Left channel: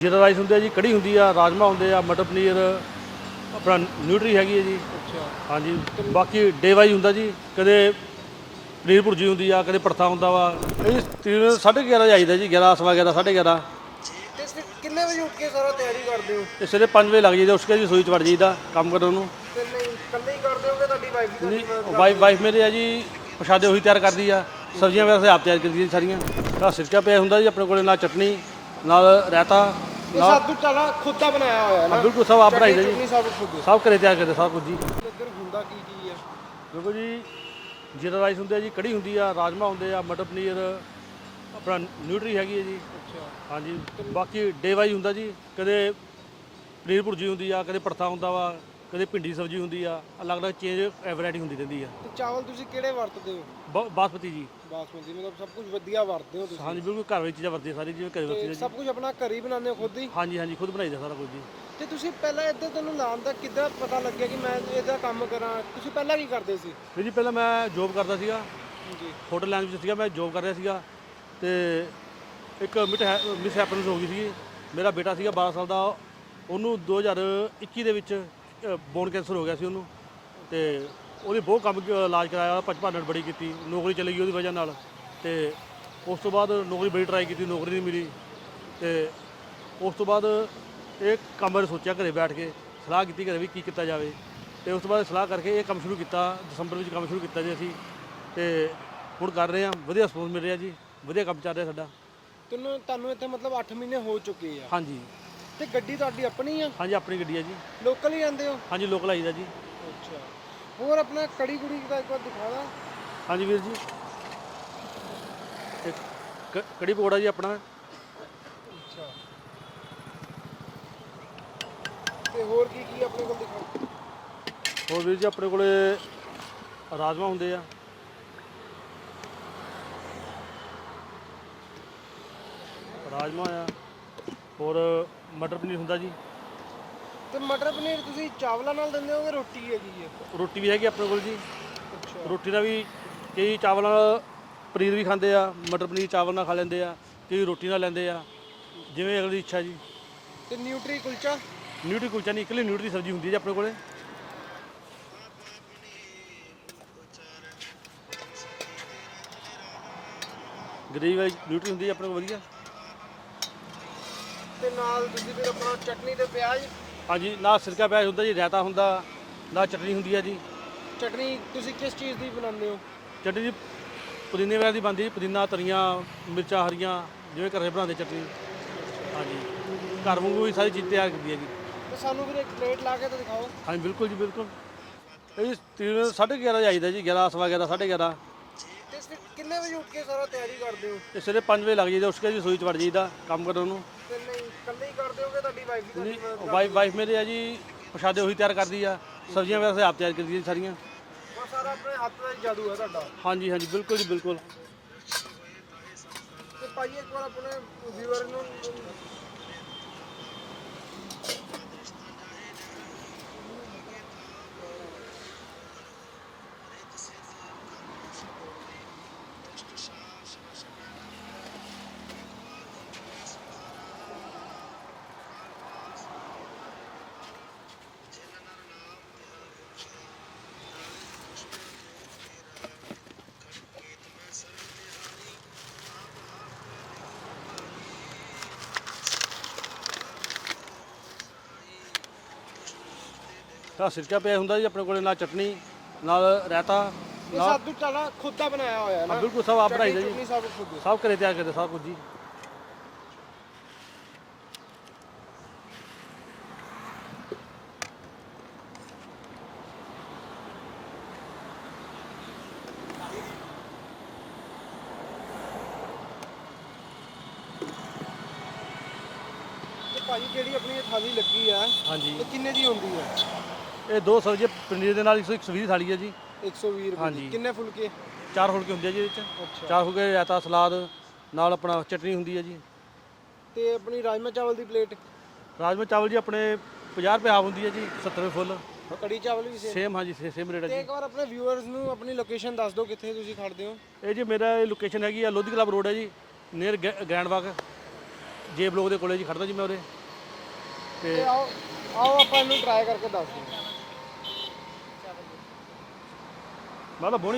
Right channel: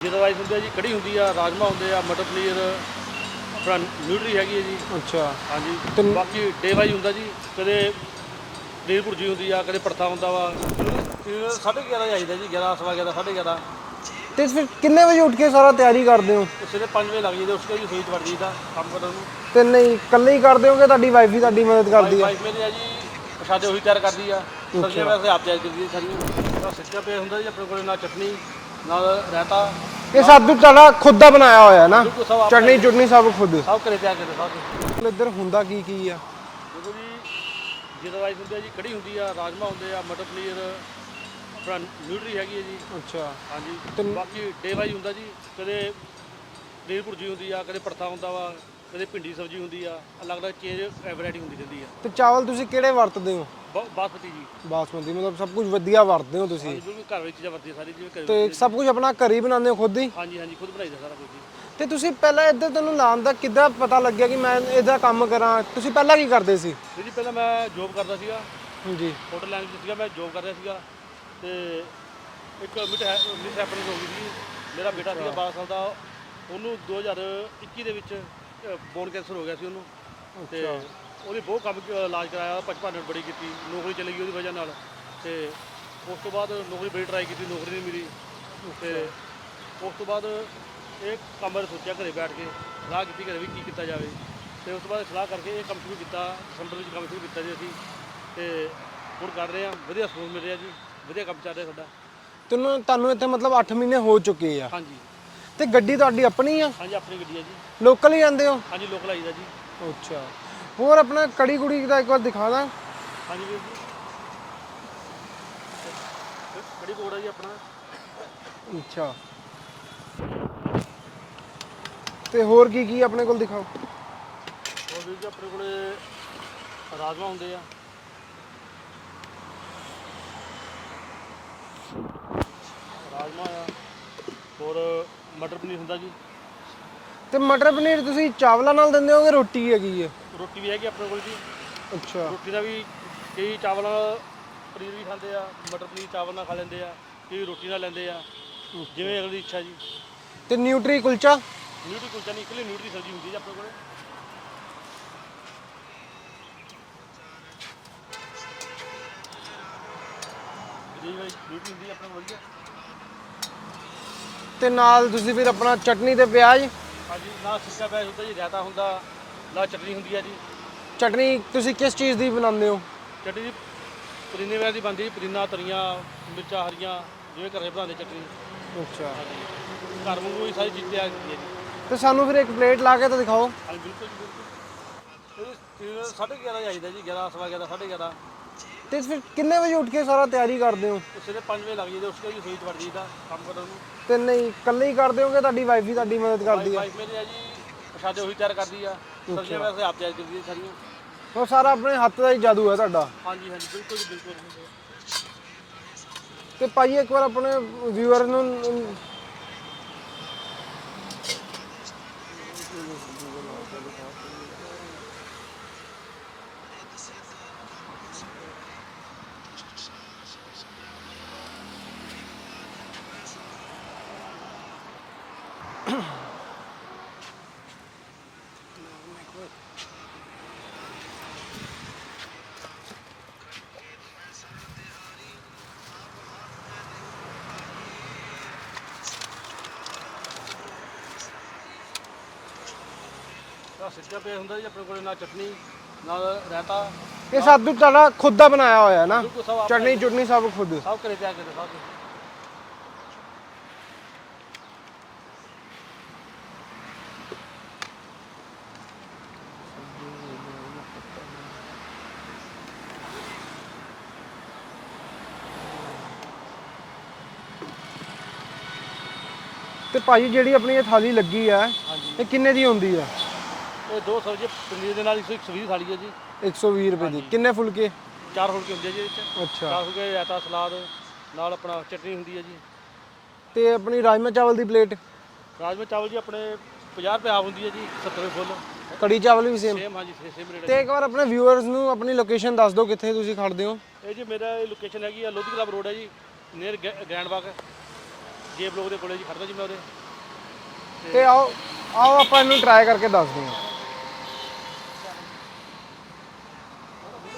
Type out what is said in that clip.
ਜੀਰਾ ਰਾਈਸ ਹੁੰਦਾ ਜੀ ਕੜੀ ਹੁੰਦੀ ਆ ਰਾਜਮਾ ਹੁੰਦੇ ਆ ਮਟਰ ਪਨੀਰ ਆਪਣਾ ਨਿਊਟਰੀ ਹੈਗੀ ਹੈ ਜੀ। ਅੱਛਾ। ਹਾਂਜੀ। ਬਾਕੀ ਡੇ ਵਾਈ ਹੁੰਦਾ ਜੀ ਕਦੇ ਪਨੀਰ ਭੁਰਜੀ ਹੁੰਦੀ ਆ ਕਦੇ ਪਰਥਾ ਹੁੰਦਾ ਵਾ। ਤੇ ਸਾਢੇ 11 ਜਾਈਦਾ ਜੀ 11 ਸਵਾ 11 ਸਾਢੇ 11 ਤੇ ਫਿਰ ਕਿੰਨੇ ਵਜੇ ਉੱਠ ਕੇ ਸਾਰਾ ਤਿਆਰੀ ਕਰਦੇ ਹੋ? ਤੇ ਸਵੇਰੇ 5 ਵਜੇ ਲੱਗ ਜਾਈਦਾ ਉਸ ਕੇ ਜੀ ਸੂਈ ਚ ਵੜ ਜਾਈਦਾ ਕੰਮ ਕਰਨ ਨੂੰ। ਤੇ ਨਹੀਂ ਇਕੱਲੇ ਹੀ ਕਰਦੇ ਹੋਗੇ ਤੁਹਾਡੀ ਵਾਈਫ ਵੀ ਤੁਹਾਡੀ ਮਦਦ ਕਰਦੀ ਹੈ ਵਾਈਫ ਮੇਰੇ ਆ ਜੀ ਪ੍ਰਸ਼ਾਦੇ ਉਹੀ ਤਿਆਰ ਕਰਦੀ ਆ। ਸਬਜ਼ੀਆਂ ਵੈਸੇ ਆਪ ਤਿਆਰ ਕਰਦੀ ਸਾਰੀਆਂ। ਦਾ ਸਿਰਕਾ ਪਿਆ ਹੁੰਦਾ ਜੀ ਆਪਣੇ ਕੋਲੇ ਨਾਲ ਚਟਨੀ ਨਾਲ ਰਾਇਤਾ। ਇਹ ਸਭ ਕੁਝ ਤੁਹਾਡਾ ਖੁਦ ਦਾ ਬਣਾਇਆ ਹੋਇਆ ਹੈ ਨਾ। ਬਿਲਕੁਲ ਸਭ ਆਪਣਾ ਚਟਨੀ ਹੀ ਚੁਟਨੀ ਸਭ ਖੁਦ। ਸਭ ਘਰੇ ਤਿਆਰ ਕਰਦੇ ਸਭ ਕੁਝ ਜੀ। ਇੱਧਰ ਹੁੰਦਾ ਕੀ ਕੀ ਆ? ਦੇਖੋ ਜੀ ਜੀਰਾ ਰਾਈਸ ਹੁੰਦਾ ਜੀ ਕੜੀ ਹੁੰਦੀ ਆ ਰਾਜਮਾ ਹੁੰਦੇ ਆ ਮਟਰ ਪਨੀਰ ਆਪਣਾ ਨਿਊਟਰੀ ਹੈਗੀ ਹੈ ਜੀ। ਅੱਛਾ। ਹਾਂਜੀ। ਬਾਕੀ ਡੇ ਵਾਈ ਹੁੰਦਾ ਜੀ ਕਦੇ ਪਨੀਰ ਭੁਰਜੀ ਹੁੰਦੀ ਆ ਕਦੇ ਪਰਥਾ ਹੁੰਦਾ ਵਾ ਕਦੇ ਭਿੰਡੀ ਸਬਜ਼ੀ ਹੁੰਦੀ ਆ ਅਲੱਗ-ਅਲੱਗ ਚੇਂਜ ਵੈਰਾਈਟੀ ਹੁੰਦੀ ਰਹਿੰਦੀ ਆ। ਤੇ ਚਾਵਲ ਤੁਸੀਂ ਕਿਹੜੇ ਵਰਤਦੇ ਹੋ? ਬ- ਬਾਸਮਤੀ ਜੀ। ਬਾਸਮਤੀ ਮਤਲਬ ਸਭ ਕੁਝ ਵਧੀਆ ਵਰਤਦੇ ਹੋ ਤੁਸੀਂ। ਹਾਂਜੀ ਬਿਲਕੁਲ ਘਰ ਵਿੱਚ ਚੀਜ਼ਾਂ ਵਰਤਦੇ ਸਾਰੀ ਜਿਵੇਂ ਘਰੇ ਤੇ ਸਭ ਕੁਝ ਆਪਣਾ ਘਰ ਹੀ ਬਣਾਉਂਦੇ ਹੋ ਖੁਦ ਹੀ? ਹਾਂਜੀ ਹਾਂਜੀ ਖੁਦ ਬਣਾਈਦਾ ਸਾਰਾ ਕੁਝ ਜੀ। ਤੇ ਤੁਸੀਂ ਪਹਿਲਾਂ ਇੱਧਰ ਤੈਨੂੰ ਲਾਉਣ ਦਾ ਕਿੱਦਾਂ ਪਤਾ ਲੱਗਿਆ ਕਿ ਮੈਂ ਇਹਦਾ ਕੰਮ ਕਰਾਂ? ਤੁਸੀਂ ਪਹਿਲਾਂ ਕੀ ਕਰਦੇ ਸੀ? ਵੀਰ ਜੀ ਪਹਿਲਾਂ ਮੈਂ ਜੋਬ ਕਰਦਾ ਸੀਗਾ। ਹਾਂਜੀ ਹੋਟਲ ਲਾਈਨ ਵਿੱਚ ਸੀਗਾ ਮੈਂ ਜੋਬ ਕਰ ਰਿਹਾ ਸੀਗਾ। ਤੇ ਇੱਕ ਮਿਸ ਮਿਸ ਹੈਪਨਿੰਗ ਹੋ ਗਈ ਸੀ ਮੇਰਾ ਬੇਟਾ ਸੀਗਾ 12 ਸਾਲ ਦਾ ਉਹਨੂੰ 2021 ਦੇ ਵਿੱਚ ਬੋਨ ਕੈਂਸਰ ਹੋ ਗਿਆ ਸੀ ਉਹਨੂੰ। ਤੇ ਉਹਦੀ ਬਹੁਤ ਕੰਮ ਕ- ਇਲਾਜ ਕਰਾਇਆ ਪਚਪਾਨਣ ਬੜੀ ਕੀਤੀ ਨੌਕਰੀ ਚਲੀ ਗਈ ਉਹਦੀ ਵਜ੍ਹਾ ਨਾਲ ਤੇ ਉਸ ਤੋਂ ਬਾਅਦ ਨੌਕਰੀ ਬੜੀ ਟਰਾਈ ਕੀਤੀ ਨੌਕਰੀ ਨਹੀਂ ਮਿਲੀ ਤੇ ਉਸ ਤੋਂ ਬਾਅਦ ਇਹ ਕੰਮ ਬਾਰੇ ਸੋਚਿਆ ਘਰੇ ਬੈਠ ਕੇ ਸਲਾਹ ਕੀਤੀ ਘਰੇ ਵੀ ਕੀ ਕੀਤਾ ਜਾਵੇ ਤੇ ਉਸ ਤੋਂ ਬਾਅਦ ਸਲਾਹ ਕਰਕੇ ਇਹ ਕੰਮ ਸ਼ੁਰੂ ਕੀਤਾ ਦਸੰਬਰ ਵਿੱਚ ਕੰਮ ਸ਼ੁਰੂ ਕੀਤਾ ਜੀ ਅਸੀਂ ਤੇ ਹੁਣ ਕਰ ਰਹੇ ਆ ਵਧੀਆ ਸਪੋਰਟ ਮਿਲ ਰਿਹਾ ਜੀ ਵਧੀਆ ਕੰਮ ਚੱਲ ਰਿਹਾ ਸਾਡਾ। ਤੈਨੂੰ ਤੁਹਾਨੂੰ ਇੱਥੇ ਮਤਲਬ 8 ਮਹੀਨੇ ਹੋ ਚੁੱਕੇ ਆ। ਹਾਂਜੀ। ਤੇ ਗੱਡੀ ਤੁਹਾਡੀ ਆਪਣੀ ਆ? ਹਾਂਜੀ ਆਪਣੀ ਗੱਡੀ ਹੈ ਜੀ। ਲੋਕਲ ਹੀ ਆਉਂਦੇ ਹੋ? ਹਾਂਜੀ ਲੋਕਲ ਆਈਦਾ ਜੀ। ਅੱਛਾ। ਹੋਰ ਆਪਣਾ ਕੜੀ ਕੁੜੀ ਦਾ ਇੱਕ ਵਾਰ ਦਿਖਾ ਦਾਂ। ਹਾਂਜੀ ਵੀਰ ਜੀ। ਤੇ ਕ- ਕੜੀ ਪਕੌੜਾ ਜੀ ਆਪਣਾ। ਅੱਛਾ। ਤੇ ਹੋਰ ਕੀ ਕੀ ਆਪਣੇ ਕੋਲ ਦਿਖਾਓ? ਹੋਰ ਵੀਰ ਜੀ ਆਪਣੇ ਕੋਲੇ ਰਾਜਮਾ ਹੁੰਦੇ ਆ। ਰਾਜਮਾ ਆ। ਹੋਰ ਮਟਰ ਪਨੀਰ ਹੁੰਦਾ ਜੀ। ਤੇ ਮਟਰ ਪਨੀਰ ਤੁਸੀਂ ਚਾਵਲਾਂ ਨਾਲ ਦਿੰਦੇ ਹੋਗੇ ਰੋਟੀ ਹੈਗੀ ਹੈ ਰੋਟੀ ਵੀ ਹੈਗੀ ਆਪਣੇ ਕੋਲ ਜੀ। ਅੱਛਾ। ਰੋਟੀ ਨਾਲ ਵੀ ਕਈ ਚਾਵਲ ਨਾਲ ਪਨੀਰ ਵੀ ਖਾਂਦੇ ਆ ਮਟਰ ਪਨੀਰ ਚਾਵਲ ਨਾਲ ਖਾ ਲੈਂਦੇ ਆ ਕਈ ਰੋਟੀ ਨਾਲ ਲੈਂਦੇ ਆ। ਜਿਵੇਂ ਅਗਲੀ ਇੱਛਾ ਜੀ। ਤੇ ਨਿਊਟਰੀ ਕੁਲਚਾ? ਨਿਊਟਰੀ ਕੁਲਚਾ ਨਹੀਂ ਇਕੱਲੀ ਨਿਊਟਰੀ ਸਬਜ਼ੀ ਹੁੰਦੀ ਹੈ ਜੀ ਆਪਣੇ ਕੋਲੇ। ਗ੍ਰੇਵੀ ਵਾਲੀ ਨਿਊਟਰੀ ਹੁੰਦੀ ਹੈ ਆਪਣੇ ਕੋਲ ਵਧੀਆ। ਤੇ ਨਾਲ ਤੁਸੀਂ ਫਿਰ ਆਪਣਾ ਚਟਨੀ ਤੇ ਪਿਆਜ਼? ਹਾਂਜੀ ਨਾਲ ਸਿਰਕਾ ਪਿਆਜ਼ ਹੁੰਦਾ ਜੀ ਰਾਇਤਾ ਹੁੰਦਾ। ਨਾਲ ਚਟਨੀ ਹੁੰਦੀ ਹੈ ਜੀ। ਚਟਨੀ ਤੁਸੀਂ ਕਿਸ ਚੀਜ਼ ਦੀ ਬਣਾਉਂਦੇ ਹੋ? ਚਟਨੀ ਜੀ ਪੁਦੀਨੇ ਵਾਲੀ ਦੀ ਬਣਦੀ ਪੁਦੀਨਾ ਧਨੀਆ ਮਿਰਚਾਂ ਹਰੀਆਂ ਜਿਵੇਂ ਘਰੇ ਬਣਾਉਂਦੇ ਚਟਨੀ। ਅੱਛਾ। ਹਾਂਜੀ। ਘਰ ਵਾਂਗੂ ਵੀ ਸਾਰੀ ਚੀਜ਼ ਤਿਆਰ ਕੀਤੀ ਹੈ ਜੀ। ਤੇ ਸਾਨੂੰ ਫਿਰ ਇੱਕ ਪਲੇਟ ਲਾ ਕੇ ਤਾਂ ਦਿਖਾਓ। ਹਾਂਜੀ ਬਿਲਕੁਲ ਜੀ ਬਿਲਕੁਲ। ਇਹ ਤਿੰਨ ਸਾਢੇ 11 ਜਾਈਦਾ ਜੀ 11 ਸਵਾ 11 ਸਾਢੇ 11 ਤੇ ਫਿਰ ਕਿੰਨੇ ਵਜੇ ਉੱਠ ਕੇ ਸਾਰਾ ਤਿਆਰੀ ਕਰਦੇ ਹੋ? ਤੇ ਸਵੇਰੇ 5 ਵਜੇ ਲੱਗ ਜਾਈਦਾ ਉਸ ਕੇ ਜੀ ਸੂਈ ਚ ਵੜ ਜਾਈਦਾ ਕੰਮ ਕਰਨ ਨੂੰ। ਤੇ ਨਹੀਂ ਇਕੱਲੇ ਹੀ ਕਰਦੇ ਹੋਗੇ ਤੁਹਾਡੀ ਵਾਈਫ ਵੀ ਤੁਹਾਡੀ ਮਦਦ ਕਰਦੀ ਵਾਈਫ ਵਾਈਫ ਮੇਰੇ ਆ ਜੀ ਪ੍ਰਸ਼ਾਦੇ ਉਹੀ ਤਿਆਰ ਕਰਦੀ ਆ ਸਬਜ਼ੀਆਂ ਵੈਸੇ ਆਪ ਤਿਆਰ ਕਰਦੀ ਸਾਰੀਆਂ। ਉਹ ਸਾਰਾ ਆਪਣੇ ਹੱਥ ਦਾ ਹੀ ਜਾਦੂ ਹੈ ਤੁਹਾਡਾ। ਹਾਂਜੀ ਹਾਂਜੀ ਬਿਲਕੁਲ ਜੀ ਬਿਲਕੁਲ। ਤੇ ਭਾਈ ਇੱਕ ਵਾਰ ਆਪਣੇ ਵਿਊਅਰ ਨੂੰ ਤਾਂ ਸਿਰਕਾ ਪਿਆ ਹੁੰਦਾ ਜੀ ਆਪਣੇ ਕੋਲੇ ਨਾਲ ਚਟਨੀ ਨਾਲ ਰਾਇਤਾ ਇਹ ਸਭ ਕੁਝ ਤੁਹਾਡਾ ਖੁਦ ਦਾ ਬਣਾਇਆ ਹੋਇਆ ਹੈ ਨਾ? ਬਿਲਕੁਲ ਸਭ ਆਪਣਾ ਚਟਨੀ ਹੀ ਜੀ। ਚੁਟਨੀ ਸਭ ਖੁਦ? ਸਭ ਘਰੇ ਤਿਆਰ ਕਰਦੇ ਸਭ ਕੁਝ ਜੀ। ਤੇ ਭਾਈ ਜਿਹੜੀ ਆਪਣੀ ਇਹ ਥਾਲੀ ਲੱਗੀ ਆ ਹਾਂਜੀ। ਇਹ ਕਿੰਨੇ ਦੀ ਹੁੰਦੀ ਆ? ਇਹ ਦੋ ਸਬਜ਼ੀ ਪਨੀਰ ਦੇ ਨਾਲ 120 ਥਾਲੀ ਹੈ ਜੀ। 120 ਰੁਪਏ ਦੀ। ਕਿੰਨੇ ਫੁਲਕੇ? ਚਾਰ ਫੁਲਕੇ ਹੁੰਦੇ ਜੀ ਇਹ 'ਚ ਅੱਛਾ। ਚਾਰ ਫੁਲਕੇ ਰਾਇਤਾ ਸਲਾਦ ਨਾਲ ਆਪਣਾ ਚਟਨੀ ਹੁੰਦੀ ਹੈ ਜੀ। ਤੇ ਆਪਣੀ ਰਾਜਮਾ ਚਾਵਲ ਦੀ ਪਲੇਟ? ਰਾਜਮਾ ਚਾਵਲ ਜੀ ਆਪਣੇ 50 ਰੁਪਏ ਆਪ ਹੁੰਦੀ ਹੈ ਜੀ 70 ਰੁਪਏ ਫੁੱਲ। ਕੜੀ ਚਾਵਲ ਵੀ ਸੇਮ ਸੇਮ ਹਾਂਜੀ ਸੇਮ ਰੇਟ ਹੈ ਤੇ ਇੱਕ ਵਾਰ ਆਪਣੇ ਵਿਊਅਰਸ ਨੂੰ ਆਪਣੀ ਲੋਕੇਸ਼ਨ ਦੱਸ ਦਿਓ ਕਿੱਥੇ ਤੁਸੀਂ ਖੜਦੇ ਹੋ। ਇਹ ਜੀ ਮੇਰਾ ਲੋਕੇਸ਼ਨ ਹੈਗੀ ਆ ਲੋਧੀ ਕਲੱਬ ਰੋਡ ਹੈ ਜੀ ਨੀਅਰ ਗ੍ਰੈਂਡ ਬਾਗ। ਜੇ ਬਲੋਕ ਦੇ ਕੋਲੇ ਜੀ ਖੜਦਾ ਜੀ ਮੈਂ ਉਰੇ। ਤੇ ਆਓ ਆਓ ਆਪਾਂ ਇਹਨੂੰ ਟਰਾਈ ਕਰਕੇ ਦੱਸਦੇ ਹਾਂ ਮੈਂ ਤਾਂ ਬੋਣੀ